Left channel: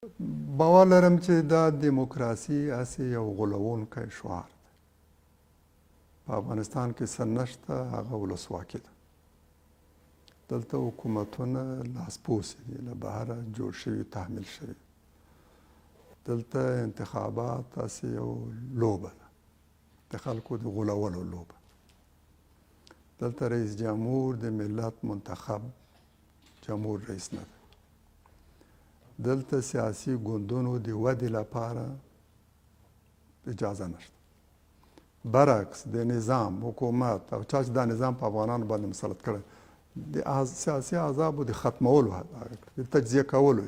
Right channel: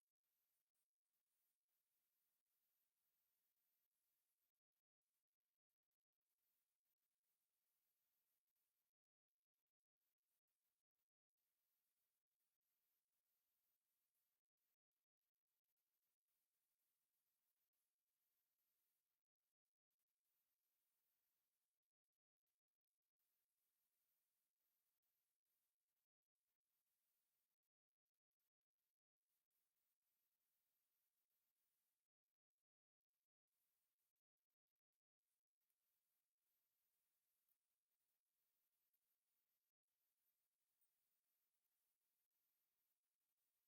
باور لرم چې دا دیموکراسي هسې یو غولونکی شعار دی. په افغانستان کې څه نشته، هغه ولسواکي ده. دلته حکومتونه لاسپوڅي دي، له بهره جوړ شوي، تحمیل شوي. دلته انتخابات هسې یو لوبه ده، د خلکو د غولولو لوبه. دلته رئیس جمهور د ملت منتخب جمهور رئیس نه ده. دلته سیاسي ګوندونو د ودې لپاره اجازه نشته. برعکس د نظام، حکومت او چا چې دا نظام په افغانانو باندې مسلط کړی، د سیاسي احزابو د ختمولو، د تجزیه کولو،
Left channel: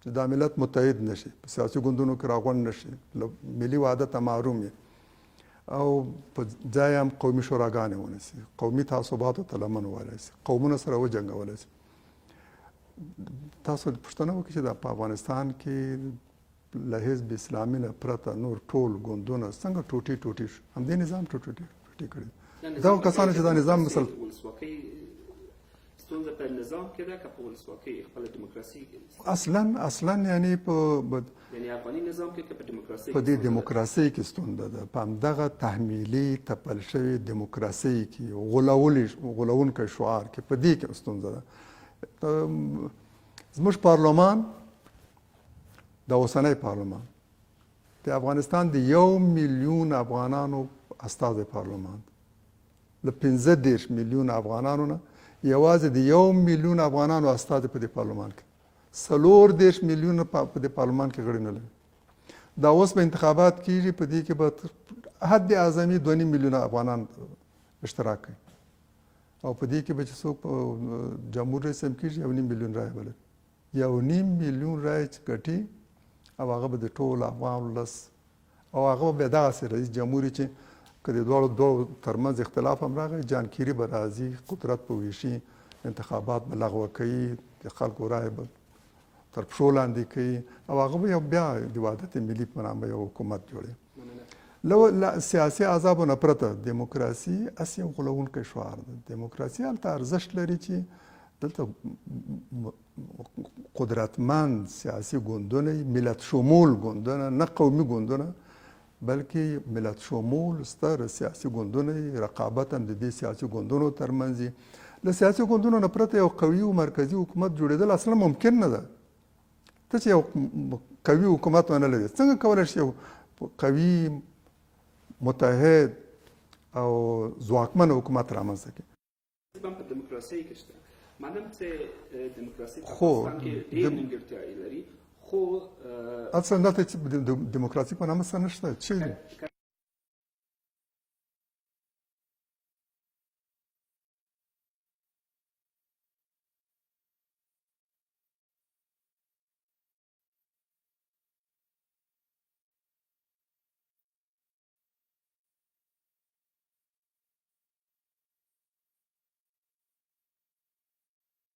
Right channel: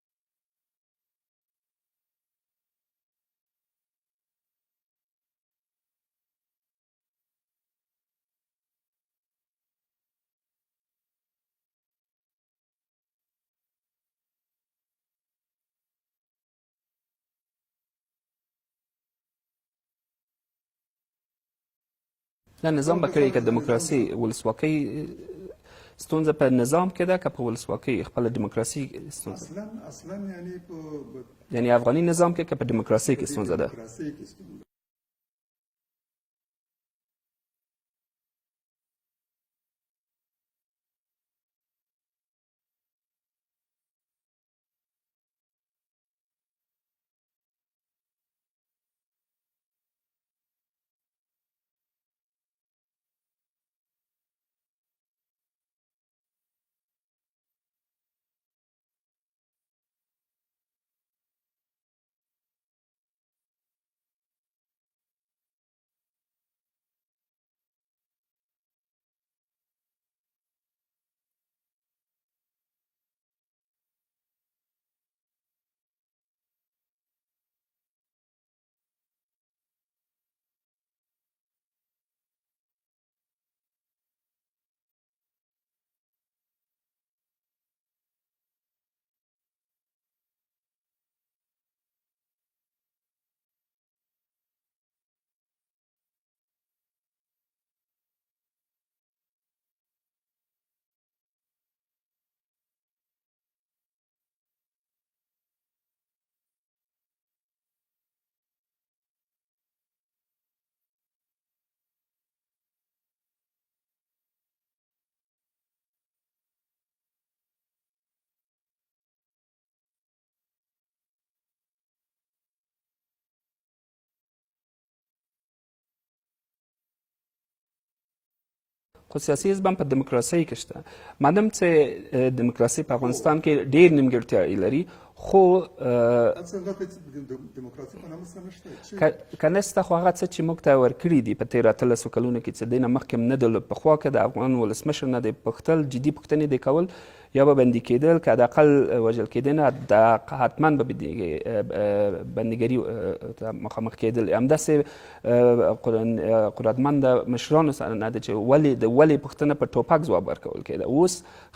چې دا ملت متحد نشي، په سیاسي ګوندونو کې راغونډ نشي، له ملي وحدته محروم وي، او په ځای هم قومي شوراګانې ونیسي، قومي تعصباتو ته لمن ووهلی سي، قومونه سره وجنګولی سي. تاسو پوښتنه وکړئ چې په افغانستان کې له حزب اسلامي نه پرته نور ټول ګوندونه څنګه ټوټې ټوټې شو؟ همدې نظام ټوټې کړي. دا نظام به کوي که دیموکراسي ولسواکۍ ستونزه په نظام کې ده که په ولسواکۍ خپله دیموکراسي اصلا یعنی یعنی افغاني نظام کې که په دیموکراسۍ کې ستونزه ده؟ په دیموکراسۍ کې ستونزه ده. په همدغه تحمیلي تپل شوې دیموکراسۍ کې، غولونکی شعار کې، په دې کې ستونزه ده. زموږ پارلمان، د اوسنی پارلمان، د افغانستان د 1 میلیون افغانانو استازی پارلمان، له 15 میلیون افغانانو نه یوازې د 1 میلیون افغانانو استازی په دې پارلمان کې، 14 میلیون په دې پارلمان کې غړي نه لري. دا اوس به انتخابات کیږي، په دې کې به حد اعظمي 2.5 میلیونه افغانان اشتراک کوي، او په دې کې به چې څوک جمهور رئیس هم کېږي 1.5 میلیون رایې به لري. 1.5 میلیون رایې چې ګټي، او هغه به د ټول افغان ولس، او هغه به دغسې رئیس جمهور چې که د دواړو ترمنځ اختلاف هم راغی، جان کیري به راځي، قدرت به ویشي، انتخابات به لغوه کوي، د خلکو رایې به تر پښو لاندې کوي، او هغه به بیا د وحدت ملي په نامه یو حکومت جوړوي. له سیاسي احزابو نه پرته دیموکراسي هسې یو غولونکی شعار ده. دیموکراسي هلته ارزښت لري چې دلته قدرتمند سیاسي ګوندونه، ملت شمول ګوندونه، نه قومي ګوندونه، بلکې ملت شمول ستر سیاسي ګوندونه، رقابت هم د دې سیاسي ګوندونو ترمنځ. له سیاسي ګوندونو نه پرته یو قوي او مرکزي حکومت جوړېدل اصلا ممکن نه ده. ته چې یو قوي حکومت ونه لرې، څنګه کولی شي یو قوي، متحد او ځواکمن حکومت رامنځته کړي؟ خو سیاسي حزب هم په دیموکراسۍ کې شته. مادام چې دیموکراسي په افغانستان کې ډېر نیمګړتیاوې لري، خو اصلا دلته دیموکراسي په نامه څه نشته. که نشته، خو هغه څه چې موږ ته ورکړي دي په تېرو 18 کلونو کې، چې دې نه مخکې نه د پخوا کې د افغان ولسمشر نه د پوښتل، جدي پوښتنې د کول، یا به بندي کېدل، که حداقل وژل کېدنه، حتما به بندیګري ته مخامخ کېدل. همداسې قدرتمند مشرانو سره نه ده چې ولې پوښتنه په ټوپک ځواب ورکول کېده. اوس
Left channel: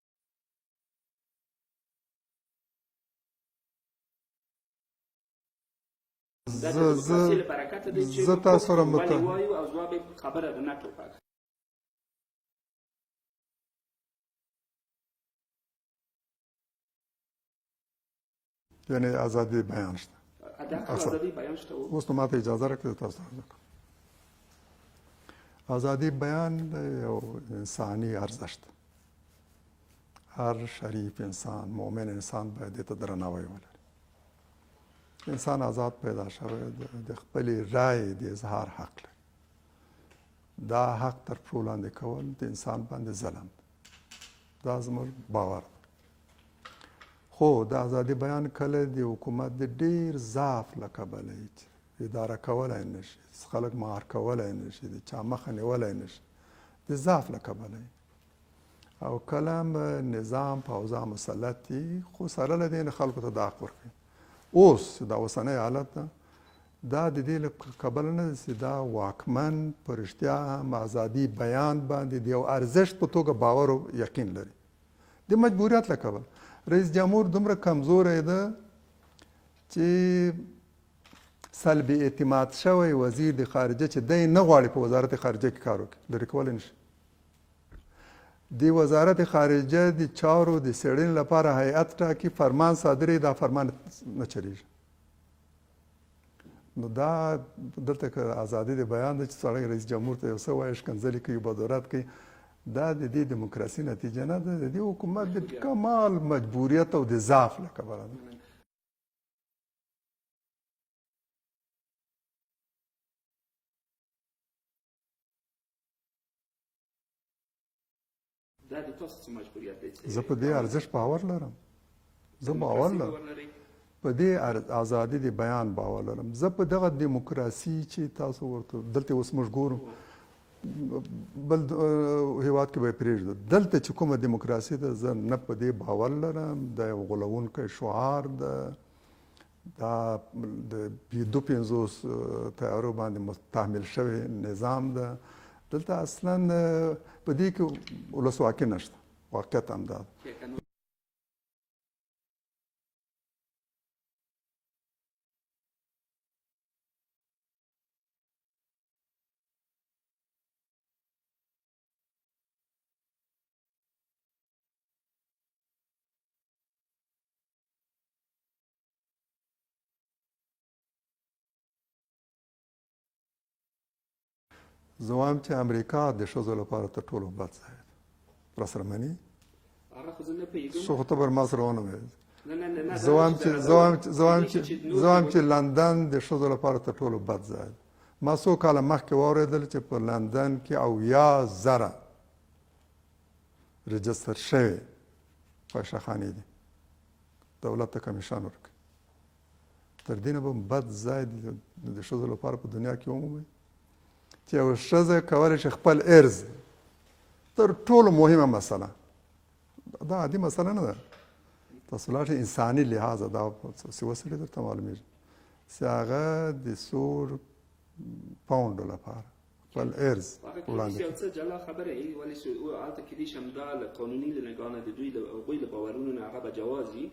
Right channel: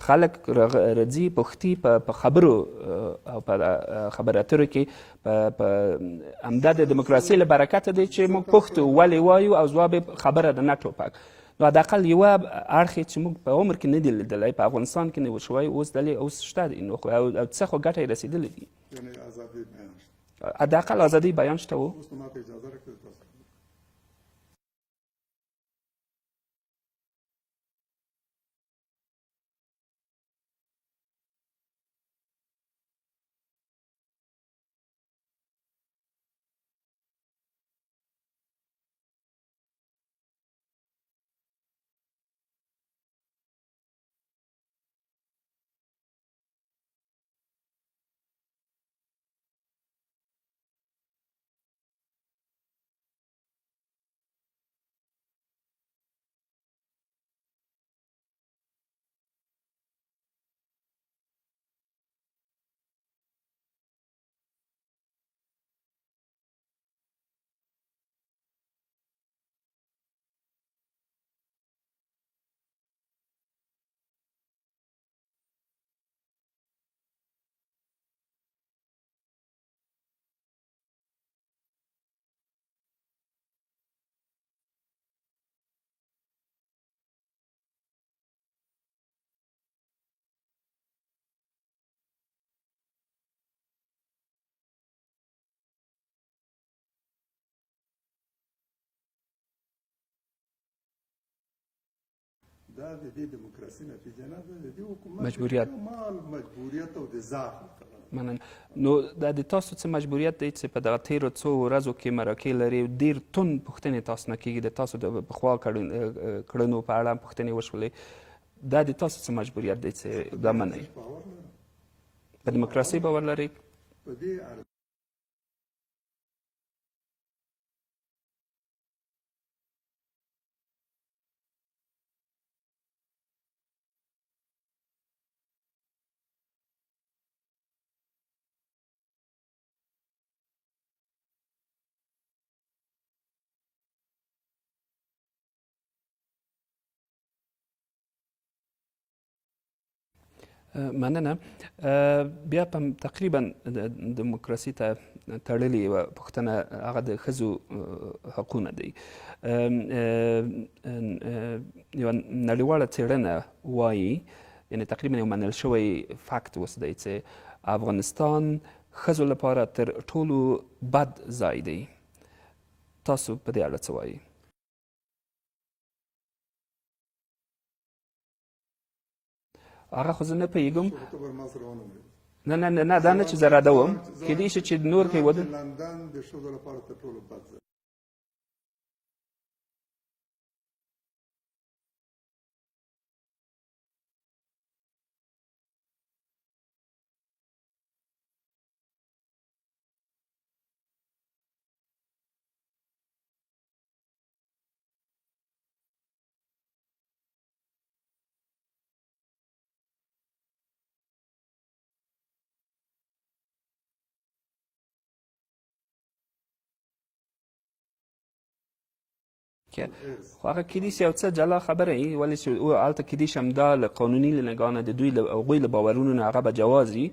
خلک راځي پوښتي په خبرو او په خبرو اترو کې، په همدا د دیموکراسۍ له برکته دی چې موږ پوښتو ولې وایو، او ځواب خبره ده، نه ټوپک. نو حداقل یوه اړخ چې موږ په عمر کې نه دی لیدلی، په افغانستان کې نه و شوی، اوس شته دی. نو او څه خو ګټه یې رسېدلې دي. یعنې ازادي بیان شته، حداقل ازادي بیان شته. اوس نو ماته اجازه راکړئ تاسو ته. ازادي بیان یو انساني ارزښت ده. هر شریف انسان، مؤمن انسان باید دې ته درناوی ولري. انسان آزاد پیدا شوی، د خپلې رایې د اظهار حق لري. دا حق تر پښو لاندې کول د انسان باندې ظلم ده. دا زموږ باور ده. خو د ازادي بیان کله د حکومت د ډېر ضعف له کبله اداره کولی نشي، خلک مهار کولی نشي، د چا مخه نیولی نشي، د ضعف له کبله. او کله هم نظام په اوضاع مسلط دي، خو سره له دې نه خلکو ته دا حق ورکوي. اوس دا اوسنی حالت ده، دا د دې له کبله نه ده چې دا واکمن په رښتیا هم ازادي بیان باندې د یو ارزښت په توګه باور او یقین لري. د مجبوریت له کبله رئیس جمهور دومره کمزوری ده چې سلبي اعتماد شوی وزیر د خارجه چې دی نه غواړي په وزارت خارجه کې کار وکړي، لرې کولی نشي. د وزارت خارجه د چارو د څېړنې لپاره هیئت ټاکي، فرمان صادروي، دا فرمان نه چلیږي. نو دا دلته که ازادي د بیان ده چې سړی رئیس جمهور ته یو څه وایي، ښکنځلې کوي، بدورت کوي، دا د دې دیموکراسي نتیجه نه ده، د دې حکومت د کمال مجبوریت او د ضعف له کبله ده. مننه. نو دا د تاسو څه مجبوریت دی چې په دغه تیرو څو ورځو کې مرکې لري، ډېر توند پوښتنې تاسو نه کېږي، د تاسو د پخوا کړنو په اړه پوښتنې وشولې، دا د تاسو څه مجبوریت دی چې زه په دې ارزښت باور لرم، په دیموکراسي باور لرئ؟ په دې ازادي د بیان باور لرم. زه په دغه دیموکراسي چې تاسو ورته دلته اوس موږ ګورو، بل هیواد کې به یې پرېږدو، دلته چې کومه دیموکراسي ده زه نه په دې باور لرم. دا یو غولونکی شعار ده، دا د 250 تیارو باندې تحمیل شوی نظام ده. دلته اصلا په دې کې ولسواکي نشته، واقعیت هم دا ده. مننه. بیا په تقریبا دیموکراسي ته تړلې یوه پوښتنه هغه د ښځو حقونه دی. یوه نړیواله څېړنه وایي، یعنې تقریبا یو منل شوی فکت اوس دی چې افغانستان ښځو لپاره تر ټولو بد ځای دی. تاسو په دې اړه څه وایي؟ زه وایم چې امریکا د ښځو لپاره تر ټولو بد ځای دی. راسره مني؟ هغه خو زه نه پوهېږم. څه خو ته پر ما سره ونه ویل. نه دا نه چې زه ردوم، کېدای شي چې نور زه وایم چې لندن د ښځو لپاره تر ټولو بد ځای دی. ما څو کاله مخکې واورېدل چې په لندن کې 80,000 رجستر شوې فاحشهخانې دي، دولت ته کمیشن ورکوي. تر دې نه به بد ځای د ښځو لپاره په دنیا کې ومومئ چې یوه ښځه کولی شي خپل عرض، تر ټولو مهمه مسله دا عادي مسله نه ده، تاسو لاړ شئ انساني لحاظه دا څه وسیلې درته معلومېږي چې هغه د څو پاونډو لپاره خپل عرض. خو هغه کېدای شي یو څه جلا خبره وي، ولې چې هلته کېدای شي همدا له قانوني له نګاه نه د دوی له هغوی له باورونو نه هغه به جواز وي.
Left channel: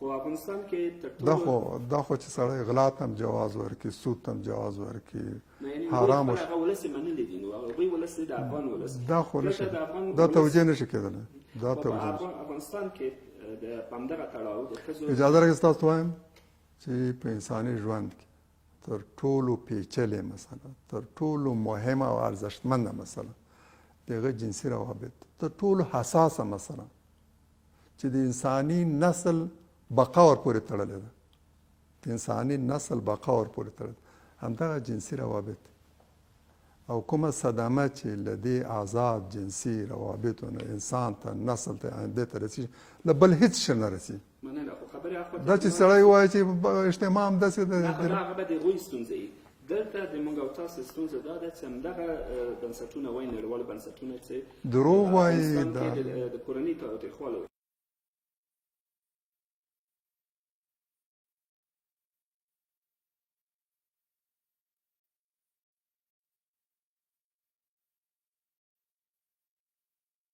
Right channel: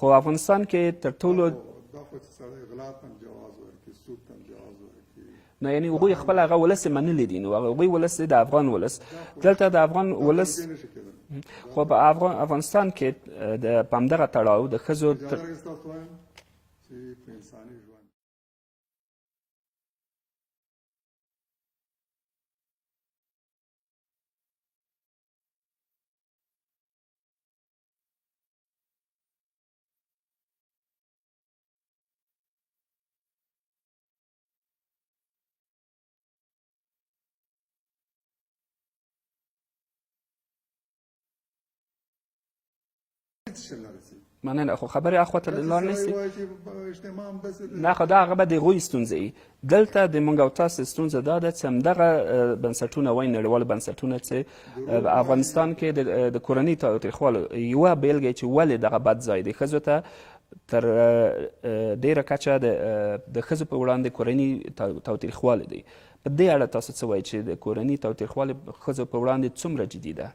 خو افغانستان کې تر ټولو دا خو چې سړی غلا ته هم جواز ورکړي، سود ته هم جواز ورکړي، نه یعنې هغوی خپل هغه ولس یې منلي دي. نو هغوی ولس د افغان ولس دلته د افغان ولس دا توجیه نشي کېدلی. خو په افغانستان کې په همدغه تړاو د ښځو اجازه راکړئ ستاسو وایم چې په انساني ژوند کې تر ټولو پیچلې مسله، تر ټولو مهمه او ارزښتمنده مسله د هغه جنسي روابط، تر ټولو حساسه مسله چې د انساني نسل بقا ورپورې تړلې ده، د انساني نسل بقا ورپورې تړلې ده، همدغه جنسي روابط. او کومه صدمه چې له دې آزاد جنسي روابطو نه انسان ته، نسل ته، آینده ته رسېږي، له بل هېڅ شي نه رسېږي. مننه. خو خبرې اخوا ته دا چې سړی وایي چې اجتماع همداسې ده، نه خو دا هغه به د هغوی ستونزه وي. دلته د موږ او تاسو ستونزه دا ده چې همدغه بنسټونه وایي، نړیوال بنسټونه چې په افغانستان کې د کورنۍ تاوتریخوالي یوه بېلګه چې ولې دغه بد ځای دی، ښځو ته تر ډېره کچه د ښځو په وړاندې کورنۍ تاوتریخوالی دی. په دې اړه تاسو څه وایي چې د کورنۍ تاوتریخوالی ښځو په وړاندې څومره جدي ده؟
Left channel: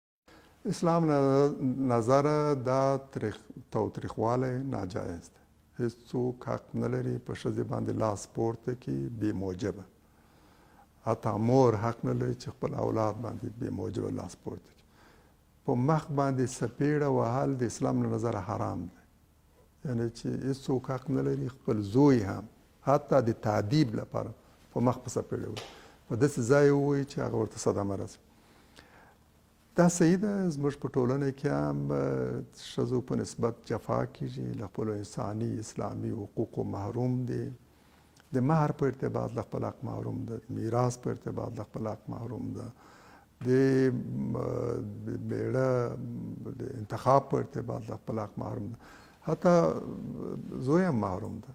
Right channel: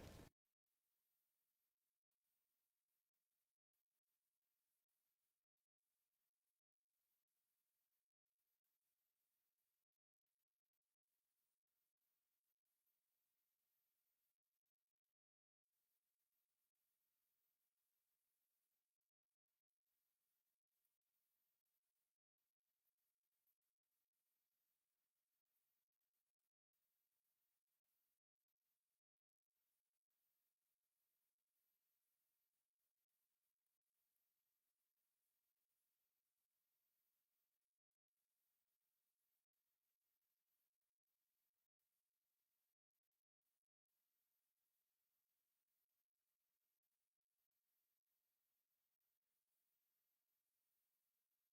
اسلام نظره دا تاوتریخوالی ناجایز دی. هیڅوک حق نه لري په ښځې باندې لاس پورته کړي بې موجبه. حتی مور حق نه لري چې خپل اولاد باندې بې موجبه لاس پورته کړي. په مخ باندې سپېړه وهل د اسلام له نظره حرام دی. یعنې چې هیڅوک حق نه لري خپل زوی هم حتی د تعدیب لپاره په مخ په سپېړه وهي، په داسې ځای ووایي چې هغه ورته صدمه رسي. دا صحیح ده. زموږ په ټولنه کې هم ښځو په نسبت جفا کېږي، له خپلو انساني اسلامي حقوقو محروم دي، د مهر په ارتباط له خپل حق محروم ده، د میراث په ارتباط له خپل حق محروم ده، د بیړه د انتخاب په ارتباط له خپل حق محروم ده، حتی زوی هم محروم ده.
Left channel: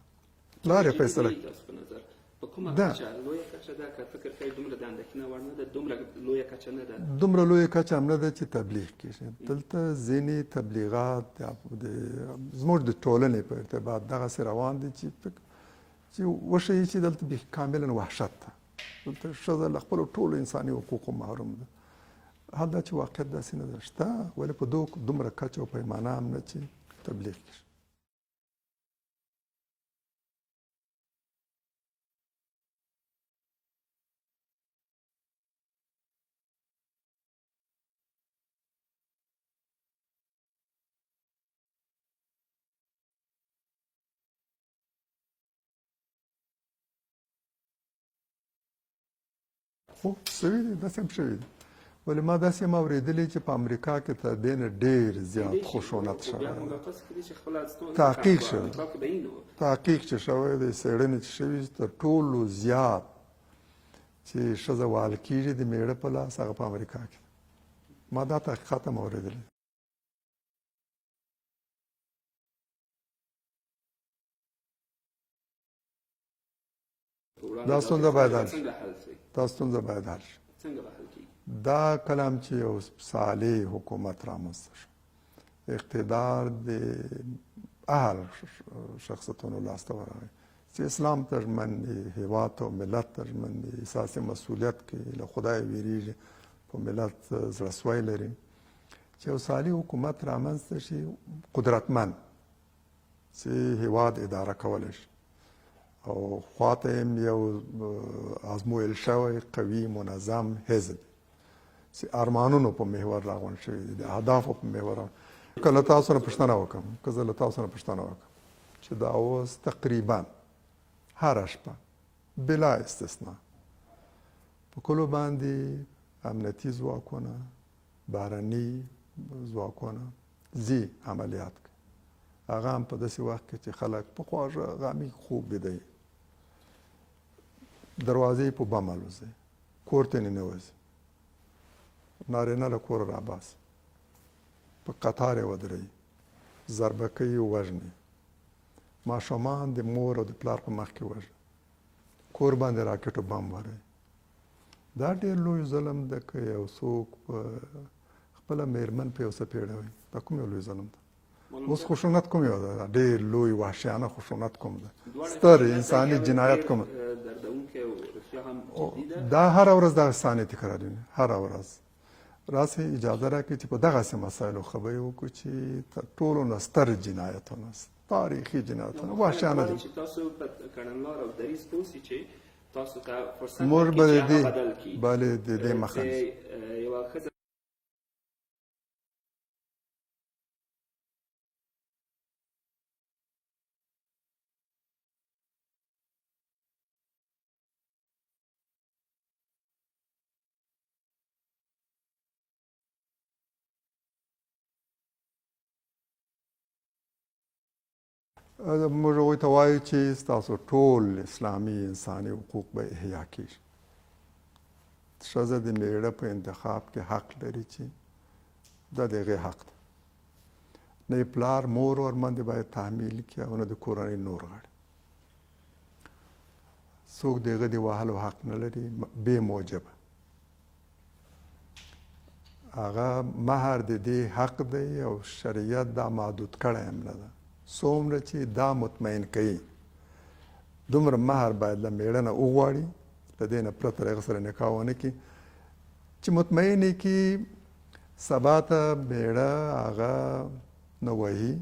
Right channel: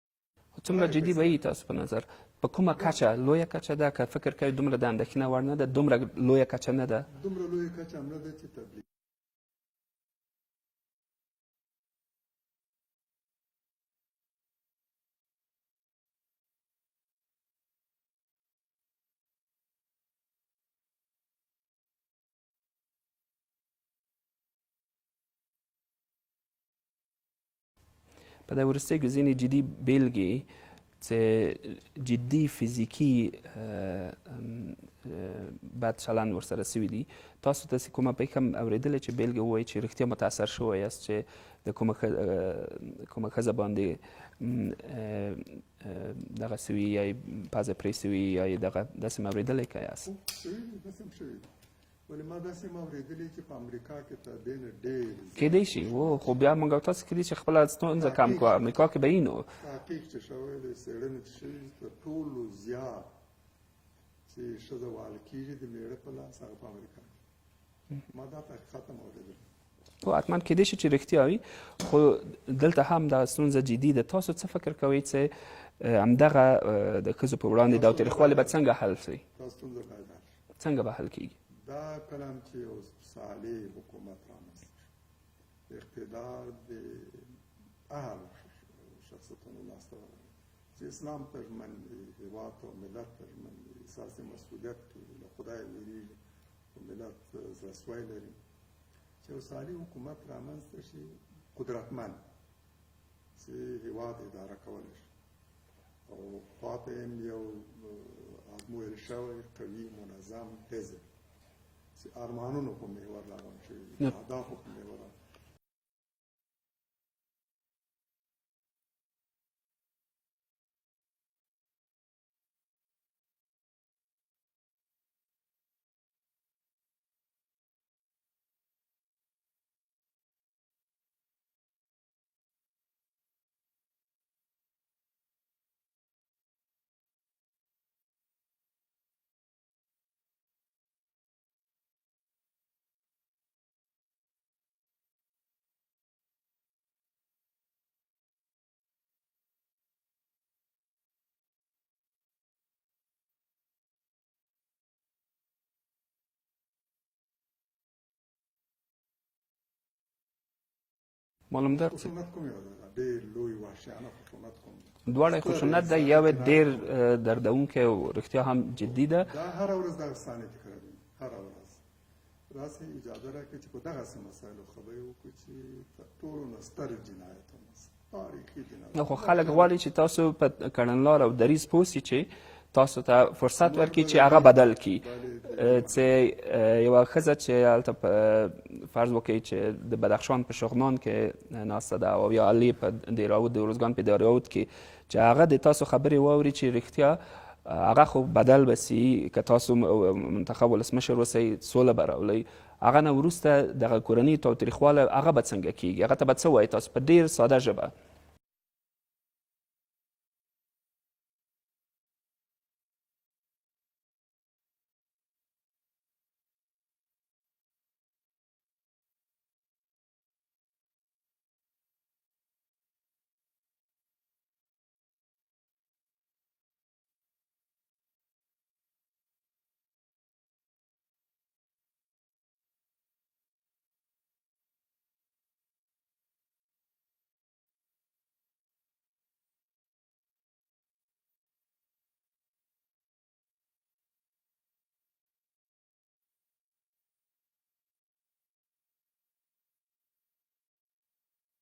څومره جدي به وي تاسو په نظر؟ په کومه کچه؟ لویه کچه ده که فکر کوئ دومره د اندېښنه وړ نه ده؟ دومره لویه کچه نه ده؟ دومره لویه کچه هم نه ده چې تبلیغ کېږي. دلته ځینې تبلیغات زموږ د ټولنې په ارتباط دغسې روان دي چې وښیي چې دلته بیخي کاملا وحشت ده، دلته ښځه له خپلو ټولو انساني حقوقو محروم ده. حال دا چې واقعیت داسې نه ده، شته، ولې په دومره کچه او پیمانه هم نه چې تبلیغ کېږي. په دې وروستیو کې ځینې جدي بیلګې چې جدي فزیکي بد چلند ورسره سوي دي، تاسو داسې کومه پیښه هم اورېدلې چې بیلګه ووایي چې رښتیا متاثر شوی یاست چې د کومه ښځه باندې دغه سوي یا یې پزه پرې سوي یا یې دغه داسې هم اورېدلی که یاست؟ سوي دي، داسې هم شوي دي. ولې ما داسې هم اورېدلي چې په امریکا کې تر دې نه ډېر کیدای زیات شي خشونت خو بیا موږ او تاسو کیدای شي خپله ستونزه کم کړو. امریکا کې به وي نو تحقیق چې شوی دی، څېړنې چې شوي تر ټولو زیات چې ښځه وهل کېږي د میړه په لاس هغه په امریکا کې. ما دا تحقیقات هم اورېدلي. خو حتما کیدای شي چې رښتیا وي، خو دلته هم دا ستونزه جدي ده. تاسو څه فکر کوئ چې همدغه د ښځو په وړاندې تاوتریخوالی به څنګه حل شي؟ دا ستونزه باید حل شي. څنګه به حل کیږي؟ دا کلام چې یو صالح حکومت رامنځته شو، اقتدار د اهل شخصیتونو لاسته ورغی چې اسلام ترجمن دی، هیواد او ملت ترجمن دی، احساس مسؤلیت کې له خدای ویریږي، په ملت زړهسوی لري، چې یو صالح حکومت رامنځته شي، قدرتمند چې هیواد اداره کولی شي او خواته هم یو ازمویل شوی قوي منظم حزب چې ارمانونو په محور راغونډ شوي دي، د اهدافو په محور. که له تاسو نه پوښتنه وکړم، که زه له تاسو نه پوښتنه وکړم چې دا اوس تقریبا هره شپه بلا استثنا په کلو باندې امنیتي ځواکونه، بهرني ځواکونه ځي عملیات کوي، هغه هم په داسې وخت کې چې خلک په خواږه غامي خوب بیده وي، دروازې په بم الوځي، کور ته ننوځي، نارینه له کوره راباسي، په قطار یې ودروي، ضربه کوي، وژني، ماشومان د مور او د پلار په مخ کې وژني، کور باندې راکټ او بم وروي. دا ډېر لوی ظلم ده که یو څوک په خپله میرمن په یو څه پیړوي. دا کوم یو لوی ظلم ده؟ اوس خشونت کوم یو ده؟ ډېر لوی وحشیانه خشونت کوم ده؟ دواړه خشونت ده، یا ډېر دردونکی او رښتیا هم جدي ده. دا هره ورځ دا ثانیې تکرارېږي، هره ورځ. راسئ اجازه راکړئ چې په دغسې مسایلو خبرې وکړو چې تر ټولو نه ستر جنایتونه، تاریخي جنایتونه. خو خلک غواړي چې تاسو په کړنلار او دریځ پوه سئ چې تاسو ته فرصت ورکړي چې هغه بدل کړي. چې یوه ښځه چې هلته فرض وکړئ چې د بدخشان په شغنان کې ناسته ده او یا علي په دیراود، د ارزګان په دیراود کې، چې هغه د تاسو خبرې واوري چې رښتیا هغه خو بدل به سي، که تاسو منتخب ولسمشر اوسئ سوله به راولئ، هغه نه وروسته دغه کورني تاوتریخوالی هغه به څنګه کیږي؟ هغه ته به څه وایي تاسو په ډېر ساده ژبه؟ موږ هغوی ته وایو چې ستاسو ټول اسلامي انساني حقوق به احیا کېږي. ښځه د میړه په انتخاب کې حق لري چې دا د هغې حق ده. نه یې پلار مور ورباندې باید تحمیل کړي او نه د کورنۍ نور غړي. څوک د هغه د وهلو حق نه لري بې موجبه. هغه مهر د دې حق دی او شریعت دا محدود کړی هم نه ده. څومره چې دا مطمئن کوي دومره مهر باید له میړه نه وغواړي، له دې نه پرته هغه سره نکاح ونه کړي، چې مطمئن یې کړي سبا ته میړه هغه نه وهي،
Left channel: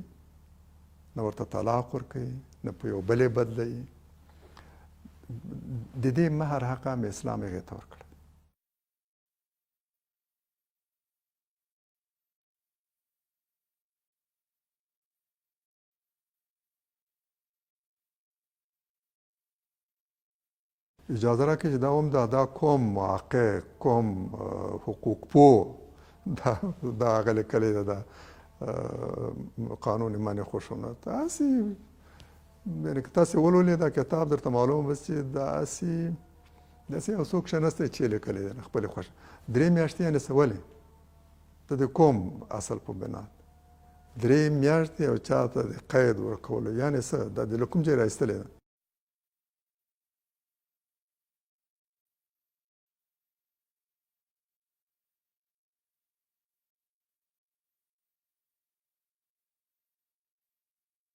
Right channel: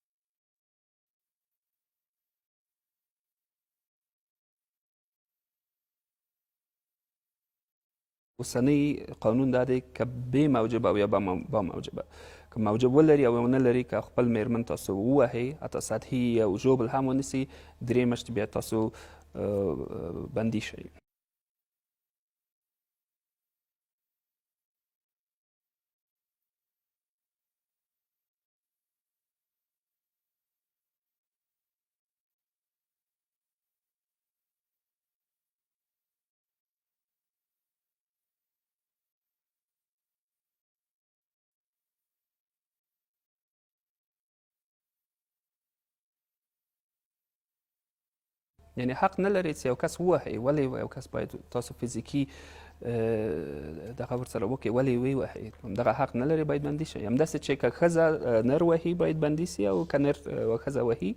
نه ورته طلاق ورکوي، نه په یو بلې بدلوي. د دې مهر حق هم اسلام هغې ته ورکړی. اوسنی قانون دا دی که بې موجبه او یا با موجبه، که موجب ولري او ونه لري، که خپل میرمن تاسو ووهئ حتی سطحي او ژوبل هم ونیسي، 3 میاشتې بیا تاسو بندي شئ. اجازه راکړئ چې دا هم دا کوم محقق، کوم حقوق پوه دا هغه لیکلی ده دا قانون منع خشونت. هسې یعنې که تاسې ولولئ دا کتاب درته معلوم بس چې داسې یو څوک ښه نسته چې لیکلی دی خپلې خوښه. 3 میاشتې یعنې څه ولې؟ ته د کوم اصل په بنا 3 میاشتې او چا ته د قید ورکولو یعنې څه؟ دا د له کوم ځای راایستلی ده؟ یعنې حق نه لرئ چې یو کس ووهئ. ولې یو کس باید تاسو فزیکي دغه ورسره وکړئ؟ ولې یې ووهئ؟ همدغه حق نه لري، باید بندي شئ. همداسې چې که ښځه نر وهي باید بندي سي، او که نر ښځه وهي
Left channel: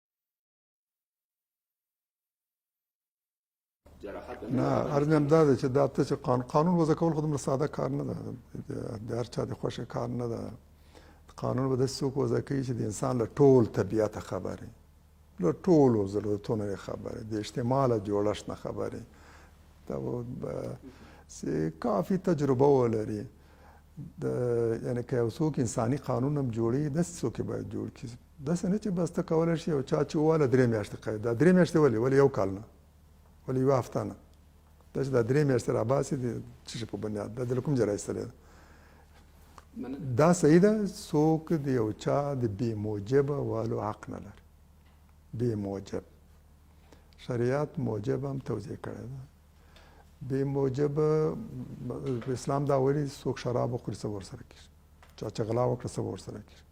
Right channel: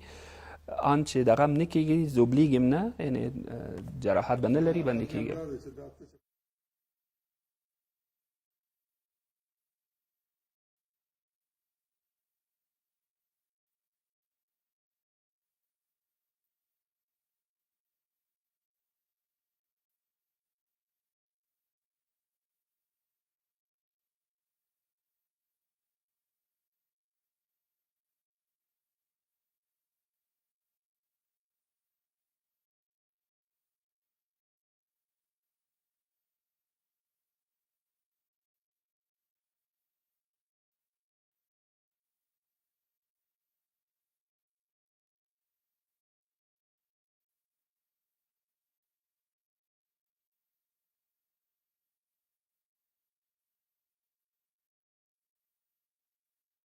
آن چې دغه هم نه کېږي، زوبلیږي هم نه، یعنې جراحت به نه لري، بندي کېږي. دا ده چې دا ته چې قانون وضع کول خو دومره ساده کار نه ده، د هر چا د خوښې کار نه ده. قانون به داسې څوک وضع کوي چې د انسان له ټول طبیعته خبر وي، له ټولو ضرورتونو نه خبرې، د اجتماع له جوړښت نه خبرې، کافي تجربه ولري. یعنې که یو څوک انساني قانون هم جوړوي داسې څوک یې باید جوړ کړي، داسې نه چې بس ته کولی شي یو چا چې وواله 3 میاشتې قید. دا 3 میاشتې ولې 1 کال نه، ولې 1 هفته نه، دا چې دا 3 میاشتې راباسي د څه شي په بنیاد، دا د کوم ځای راایستلی ده؟ دا صحیح ده. څوک د یو چا د بې موجبه والو حق نه لري. بې موجب شریعت موجب هم توضیح کړی ده. بې موجبه اسلام دا وایي څوک شراب وخوري څه به ورسره کېږي، چا چې غلا وکړه څه به ورسره کېږي،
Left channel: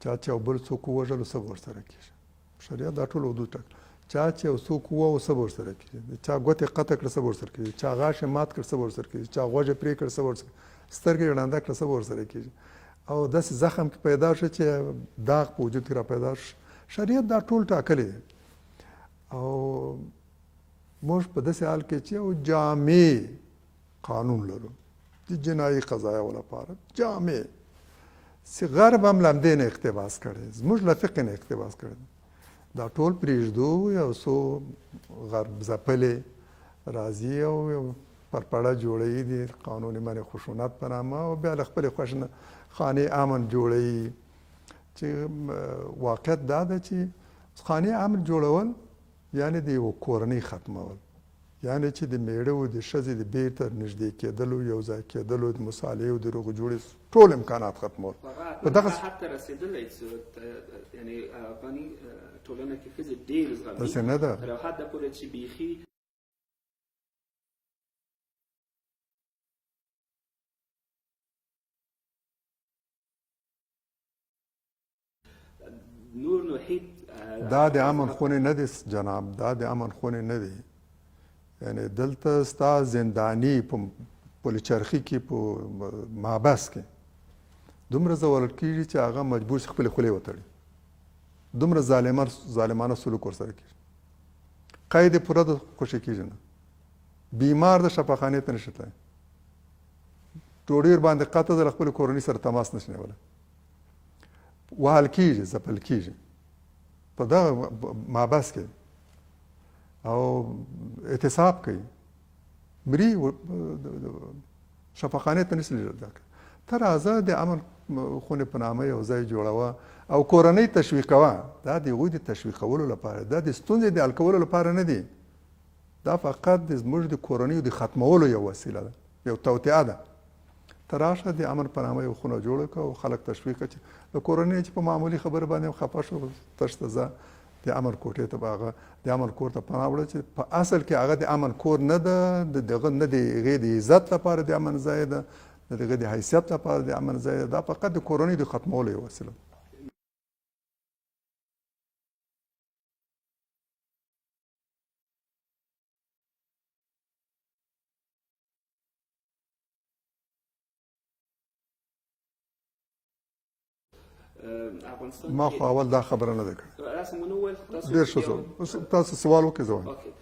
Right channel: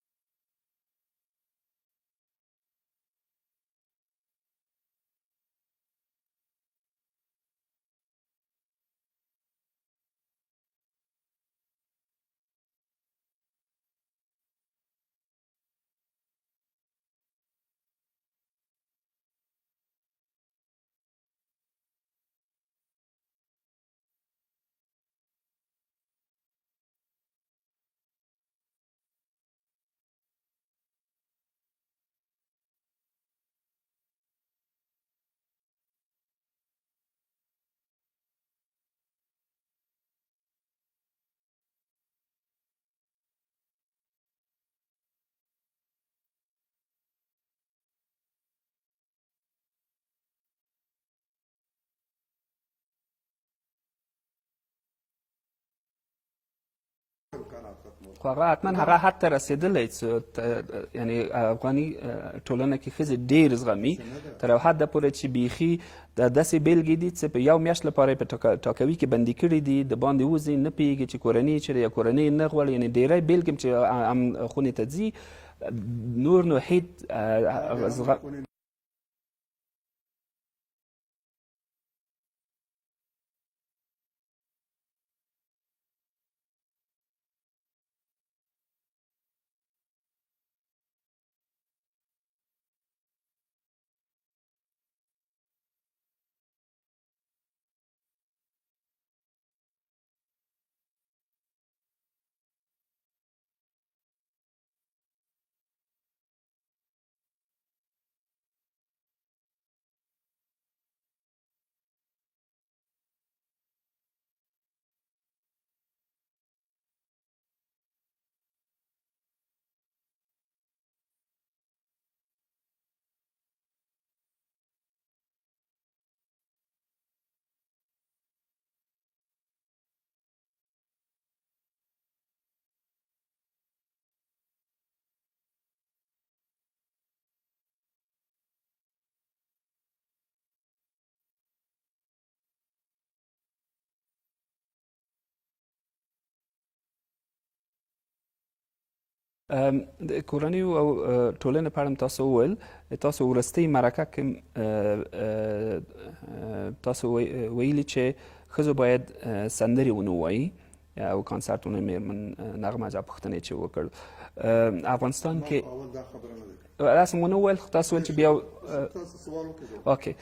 چا چې یو بل څوک ووژلو څه به ورسره کېږي. شریعت دا ټول حدود ټاکي. چا چې یو څوک ووهو څه به ورسره کېږي، چا ګوتې قطع کړه څه به ورسره کېږي، چا غاښ یې مات کړ څه به ورسره کېږي، چا غوږ یې پرې کړ څه به ورسره کېږي، سترګې یې ړنده کړه څه به ورسره کېږي. او داسې زخم کې پیدا شو چې داغ په وجود کې را پیدا شو. شریعت دا ټول ټاکلی دی. او موږ په داسې حال کې چې یو جامع قانون لرو د جنایي قضایاو لپاره، جامع چې غرب هم له همدې نه اقتباس کړی، زموږ له فقه نه اقتباس کړی. دا ټول پرېږدو، یو څو غرب ځپلې راځي او یو پرپړه جوړوي د قانون منع خشونت په نامه، او بیا له خپلې خوښې نه خانې امن جوړوي. چې واقعیت دا ده چې خانې امن جوړول یعنې د یو کورنۍ ختمول، یعنې چې د میړه او د ښځې د بیرته نږدې کېدلو، یو ځای کېدلو، د مصالحې او د روغې جوړې ټول امکانات ختمول. خو هغه حتما هغه حد ته رسېدلی چې یعنې افغاني ټولنه کې ښځې ډېر زغمي تر یو حده پورې چې بیخي داسې بیلګې دي چې په یو میاشت لپاره یې په ټاکوي کې بندي کړي دي، د باندې وځي، نه پوهېږي چې کورنۍ چېرې یا کورنۍ نه غواړي. یعنې ډېری بیلګې چې خونې ته ځي نور نو هیڅ. دا د امن خونې نه دي جناب، دا د امن خونې نه دي. یعنې دلته ستا زنداني په پلچرخي کې په محبس کې دومره ځورول کېږي چې هغه مجبور شي خپلې خولې وتړي، دومره ظالمانه سلوک ورسره کېږي. قید یې پوره ده، خوشي کېږي نه. بیمار د شفاخانې ته نشي تللی، ډوډۍ ورباندې قطع ده، له خپلې کورنۍ سره تماس نشي نیولی، وهل کېږي، ځپل کېږي په دغه محبس کې، او اعتصاب کوي، مري، شفاخانې ته نشي لیدل. ته راځه د امن خونې په نامه یو ځای جوړوه او کورنۍ تشویقوه. دا د هغوی د تشویقولو لپاره، دا د ستونزې د حل کولو لپاره نه دی، دا فقط زموږ د کورنیو د ختمولو یو وسیله ده، یو توطئه ده. ته راشه د امن په نامه یو خونه جوړه کړه او خلک تشویق کړه چې د کورنۍ چې په معمولي خبره باندې خفه شو تشته ځه د امن کوټې ته، به هغه د امن کور ته پناه وړه، چې په اصل کې هغه د امن کور نه ده، دغه نه د هغې د عزت لپاره د امن ځای ده، د هغې د حیثیت لپاره د امن ځای ده. دا فقط د کورنۍ د ختمولو یو وسیله. د کورنیو او ټولنې په اړه تاسو وویل، تاسو وروستۍ مرکه کې تاسو ویلي چې ښځو باید سندرې ونه ووایي او کانسرټونه مېرمن نغمه جا پوښتنې چې وکړ افغانستان کې. ما خو اول دا خبره نه ده کړې. داسې مو نه وویل، تاسو بیا تاسو سوال وکړئ زه وایم. اوکې،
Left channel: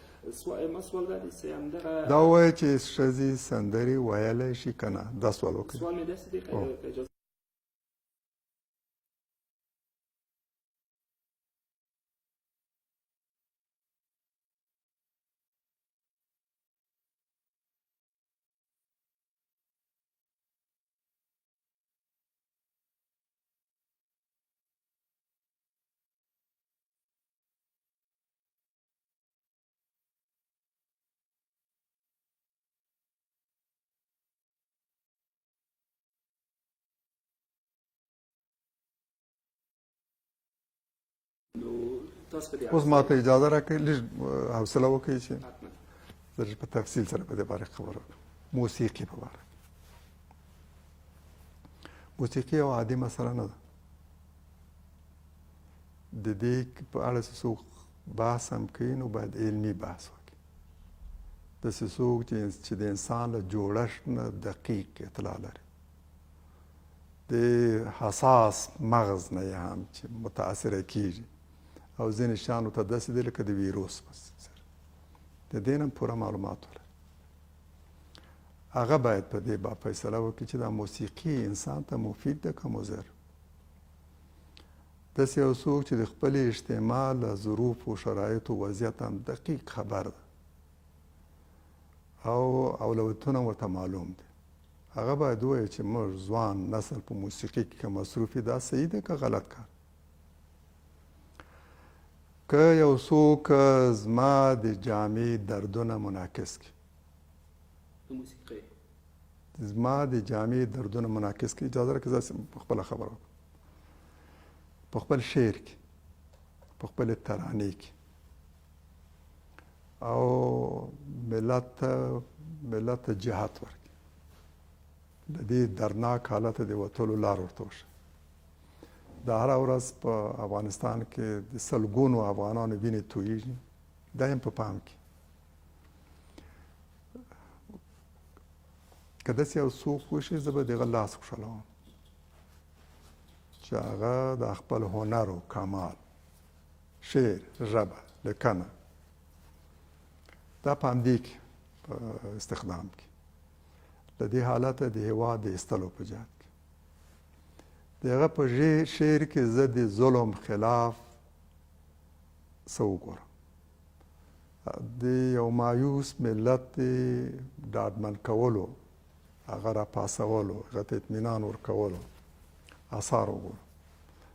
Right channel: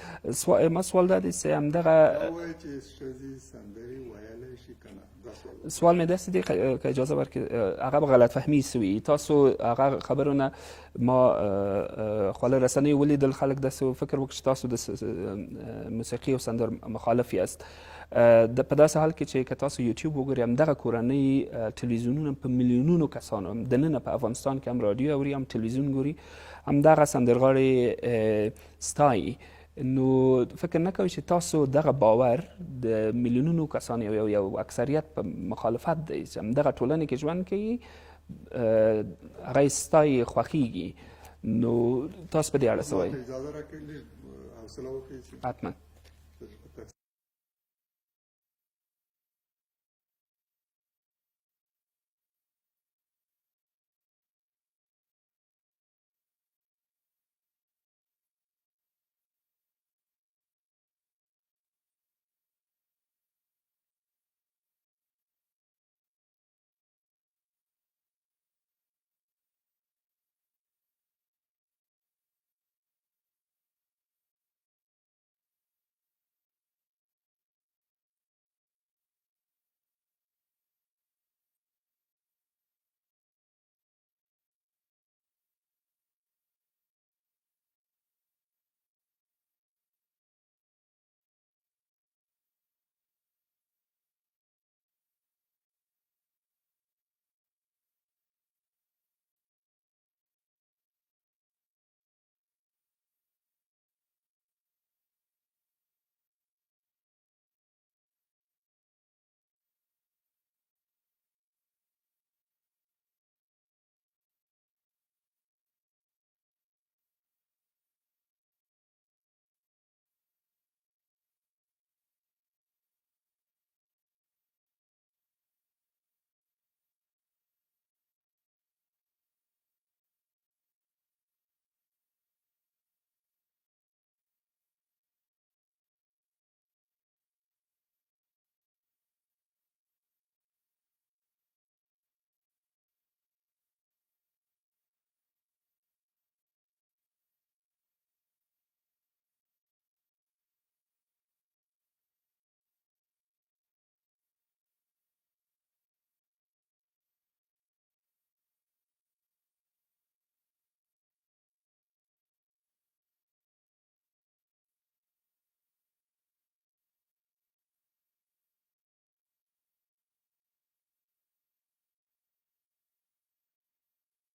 ما سوال دا دی چې همدغه دا ووایي چې ښځې سندرې ویلی شي که نه، دا سوال وکړئ. سوال مې داسې دی که اجازه ورکړي، هغه به غلط فهمي سوي. تاسو هغه خبرونه ما خواله رسنیو ولیدل، خلک داسې فکر وکړي چې تاسو د موسیقي او سندر مخالف یاست. په داسې حال کې چې که تاسو یوټیوب وګورئ، همدغه کورنۍ تلویزیونونه په میلیونونو کسانو دننه په افغانستان کې هم رادیو اوري، هم تلویزیون ګوري، همدغه سندرغاړې ستایي. نو فکر نه کوئ چې تاسو دغه باور د میلیونونو کسانو یو اکثریت په مخالفت دی چې همدغه ټولنې کې ژوند کوي، هغه یې ستایي، خوښیږي. نو تاسو په دې اړه اوس ما ته اجازه راکړئ لږ حوصله وکړئ چې حتما زه په تفصیل سره په دې باره خبره وکړم. موسیقي په باره، موسیقي یو عادي مسله نه ده. د دې په اړه چې څوک بحث هم کوي نو باید علمي بحث وکړي. داسې څوک چې د انسان له جوړښت نه دقیق اطلاع لري، د حساس مغز نه یې هم چې متاثره کېږي، او ځینې شیانو ته داسې دی لکه د ویروس د دې نه پوره معلومات ولري. هغه باید په دې با فیصله وکړي چې دا موسیقي انسان ته مفید ده که مضر. داسې یو څوک چې د خپلې اجتماع له ظروفو شرایطو وضعیت هم دقیق خبر ده او اولویتونه ورته معلوم دي، هغه باید ووایي چې موږ ځوان نسل په موسیقي کې که مصروف یو دا صحیح دی که غلط کار. که یو څوک زما د جامې دردونه منعکس کړي، زما د جامې دردونه منعکس کړي، اجازه راکړه زه په خپله خبره وکړم. په خپل شعر کې، په خپلې ترانې کې او ملت ته جهت ورکړي، د دې درناک حالته د وتلو لار ورته وښیي. دا هره ورځ په افغانستان کې د سلګونو افغانانو وینې تویېږي، دا هم په پام کې. که داسې یو څوک وشي زه به د هغه لاس خوشحالوم چې هغه د خپل هنر و کمال، شعر، ژبه، لیکنه دا په همدې کې په استخدام کې د دې حالته د هېواد د ایستلو په جهت کې د هغه په شعر کې زه د ظلم خلاف څه وګورم، د یو مایوس ملت د ډاډمن کولو، هغه راپاڅولو، هغه ته اطمینان ورکولو آثار وګورم.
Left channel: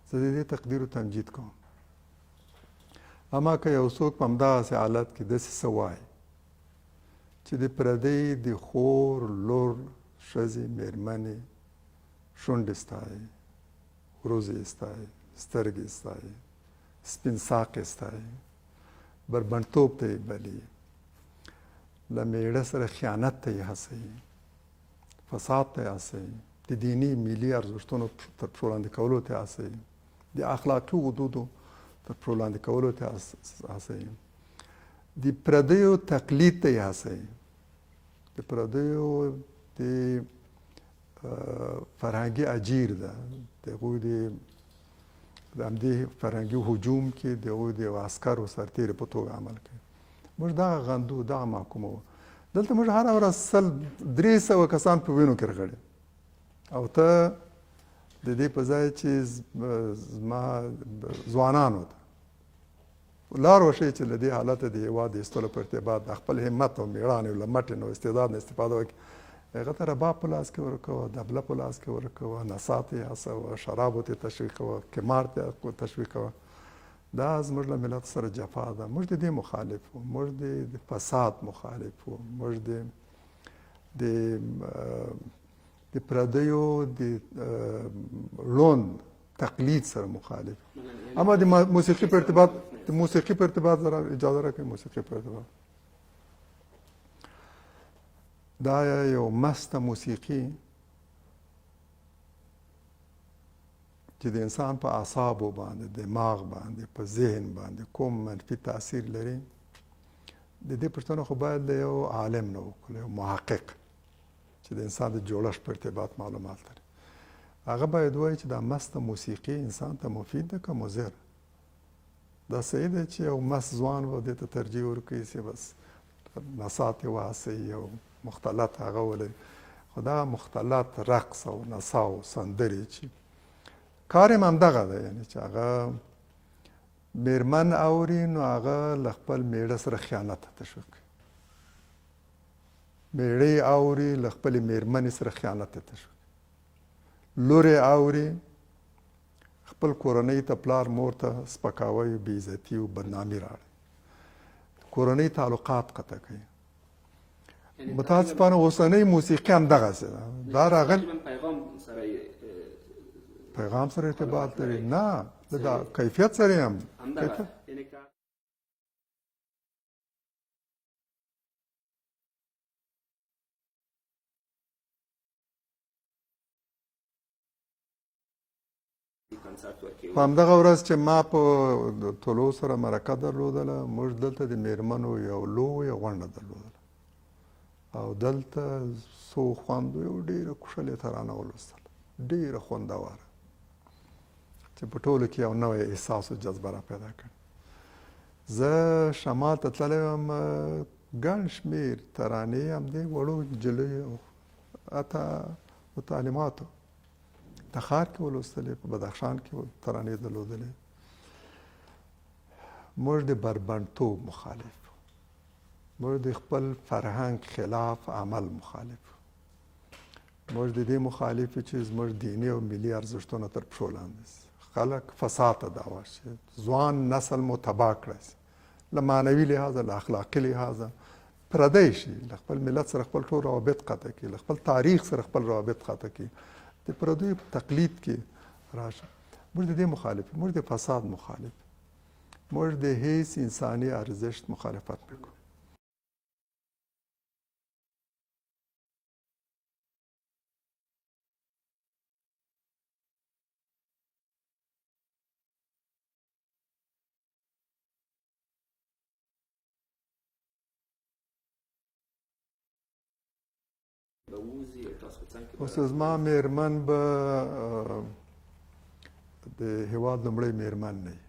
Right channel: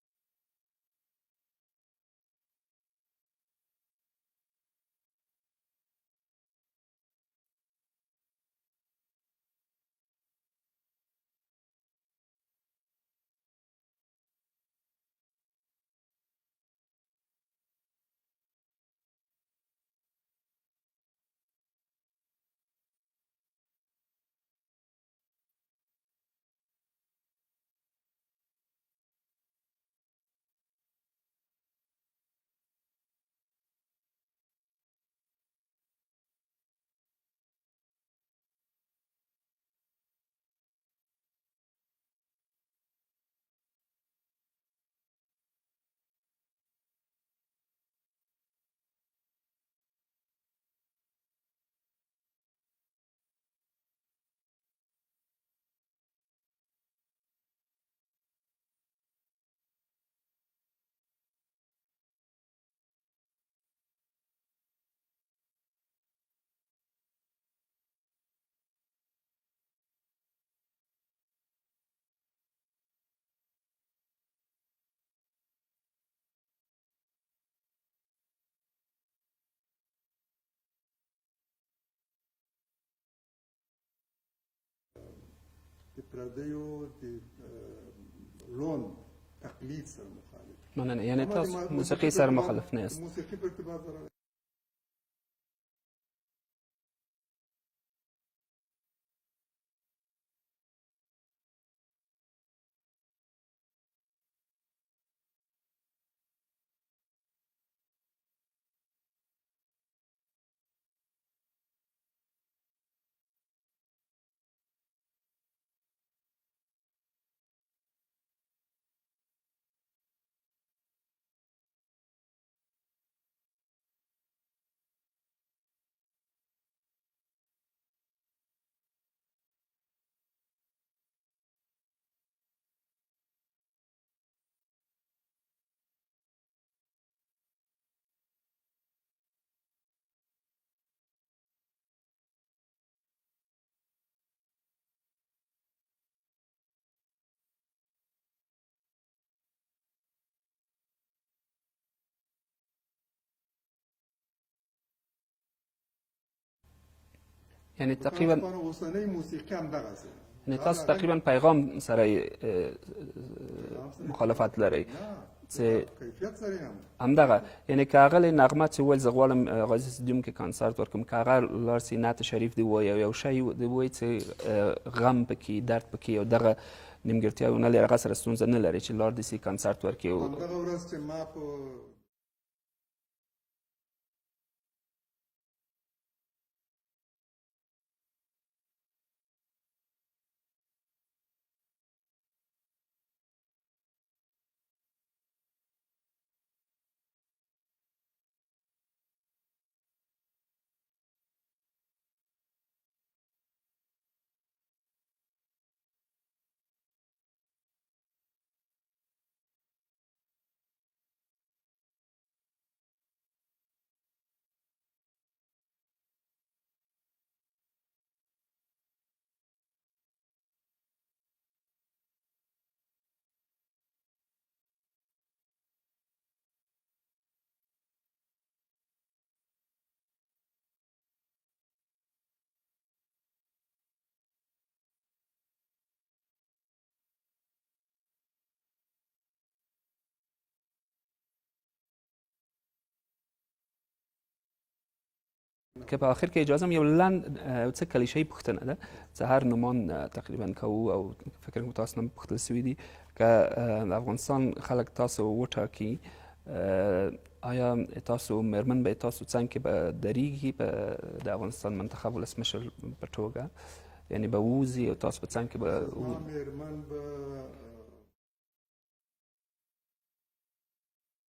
زه د دې تقدیر و تمجید کوم. اما که یو څوک په همدغسې حالت کې داسې څه وایي چې د پردۍ د خور، لور، ښځې، مېرمنې شونډې ستایي، وروځې ستایي، سترګې ستایي، سپین ساقې ستایي، بربنډتوب ته یې بلي، له میړه سره خیانت ته یې هڅوي، فساد ته یې هڅوي، د دیني ملي ارزښتونو تر پښو لاندې کولو ته هڅوي، د اخلاقي حدودو تر پښو لاندې کولو ته هڅوي، د پردیو تقلید ته یې هڅوي، د پردیو د فرهنګي اجیر ده، د هغوی د همدې فرهنګي هجوم کې د هغوی د عسکرو سرتېري په توګه عمل کوي. موږ دغه غندو، دغه محکومو. دلته موږ هره ورځ 300 کسان په وینو کې رغړي او ته د دې په ځای چې زما ځوانانو ته لار وښیي چې له دې حالته د هېواد د ایستلو په ارتباط د خپل همت او مېړانې له مټې او استعداد نه استفاده وکړي، هغه ته رباب په لاس کې ورکوه، دبله په لاس کې ورکوه، نڅا ته یې هڅوه، شرابو ته یې تشویقوه، قمار ته یې تشویقوه. دا زموږ له ملت سره جفا ده. موږ د دې مخالف وو، موږ د فساد مخالف وو، موږ د پردیو د ړوند تقلید سره مخالف. اما د موسیقي په ارتباط اجازه راکړئ، موسیقي په ارتباط دا یو مسته موسیقي چې د انسان په اعصابو باندې، دماغ باندې، په ذهن باندې کوم منفي تاثیر لري، د دې پوښتنه خو باید له یو عالم نه وکړو، یو محقق چې د انسان د جوړښت په ارتباط معلومات لري. هغه باید ووایي چې دا مسته موسیقي انسان ته مفید ده که مضر. دا صحیح ده چې یو مست ځوان به دې ته ترجیح ورکوي چې بس نڅا ترې وهڅوي او مختلط هغه ولري، خو دا مختلط رقص او نڅا او سندرې چې کار یې همدغه ده، یعنې چې هغه مېرمن اوري نو هغه له خپل میړه سره خیانت ته تشویق کوي، میړه یې اوري له خپلې مېرمنې سره خیانت ته تشویق کوي، لور یې اوري خپل کورنۍ ته، پلار مور ته سپکاوی، بېعزتي او بدنامي راوړي، کورنۍ تعلقات قطع کوي. متاسفانه اوسنۍ موسیقي همدغسې ده. تقریبا پیغام سره مخالفت لري، نه د کیفیت سره هم همدغه. یعنې که هغه نغمه چې وویل زه غواړم غازي سټډیوم کې کنسرت ورکړم، که هغه لاړ سي نعت شریف دې ووایي او یو شی دې ووایي چې غم پکې، درد پکې او دغه نیمګړتیاوې نه لري، هغه سره ستونزه نه لري چې لاړ دې سي کنسرت ورکړي. په همدغه ورځ چې ما په طلوع سره مرکه درلودله، موږ دلته د مېرمنو یو لویه غونډه درلودله او دلته څو خوندو یو ډېره کوښلې ترانه ولوستله، ډېره خوندوره چې په ټولو کې یو نوی احساس او جذبه را پیدا کړ. زه شمال ته تللی وم، ګڼ شمېر ترانې همدې وړو نجلیو حتی متعلماتو تخار کې ولوستلې، په بدخشان کې ترانې درلودلې. موږ د بربنډتوب مخالف، موږ د خپل فرهنګ خلاف عمل مخالف، موږ د دې مخالف چې زموږ دیني او ملي ارزښتونه تر پښو لاندې شي، خلک فساد ته دعوه شي، ځوان نسل مو تباه کړی شي، له معنوي لحاظه له اخلاقي لحاظه پردی شي، له خپل ملت سره خپل ټول روابط قطع کړي، له خپل تاریخ سره خپل روابط قطع کړي، د پردیو په تقلید کې راشي. موږ د دې مخالف، موږ د فساد مخالف، موږ د هیڅ انساني ارزښت مخالفت میکنیم. که په آخر کې اجازه یو لنډ څه کلیشه‌ای پوښتنه ده چې هر نومان تقریبا کوو او فکر کوم تاسو نه پوښتل شوي دي که د افغانستان خلک تاسو وټاکي، آیا تاسو مېرمن به تاسو څنګ کې به درېږي د افغانستان منتخب ولسمشر په توګه، یعنی به ووځي او تاسو په څنګ کې به؟ زما مېرمن به د هېواد لومړی مېرمن نه وي.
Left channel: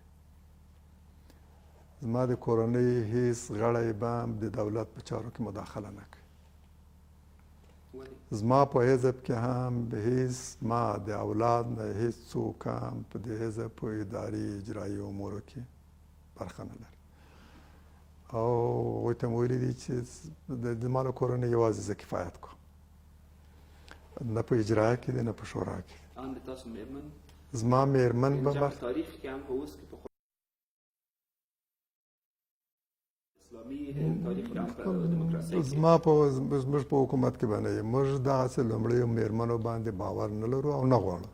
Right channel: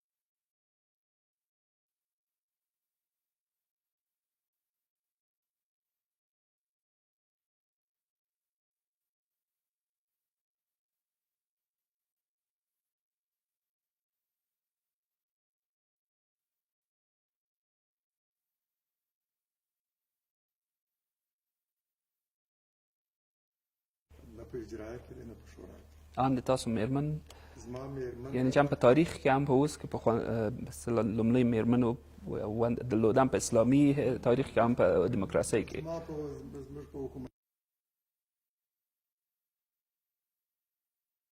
زما د کورنۍ هیڅ غړی به هم د دولت په چارو کې مداخله نه کوي. زما په حزب کې هم هیڅ ما د اولاد نه هیڅ څوک هم په د حزب په اداري اجرایي امورو کې برخه نه لري. او هغوی ته مې ویلي دي چې زما له کورنۍ یوازې زه کفایت کوم، نه په اجرایه کې دی نه په شورا کې. ان د تاسو مېرمن زما مېرمن یعنې چې هم په تاریخ کې هم په اوس کې په لومړۍ مېرمنو درلودن، په اسلامي تاریخ کې هم په دیموکراسۍ کې؟ زموږ په حکومت کې به نه وي. موږ دغسې لومړیو مېرمنو باندې باور نه لرو او نه غواړو.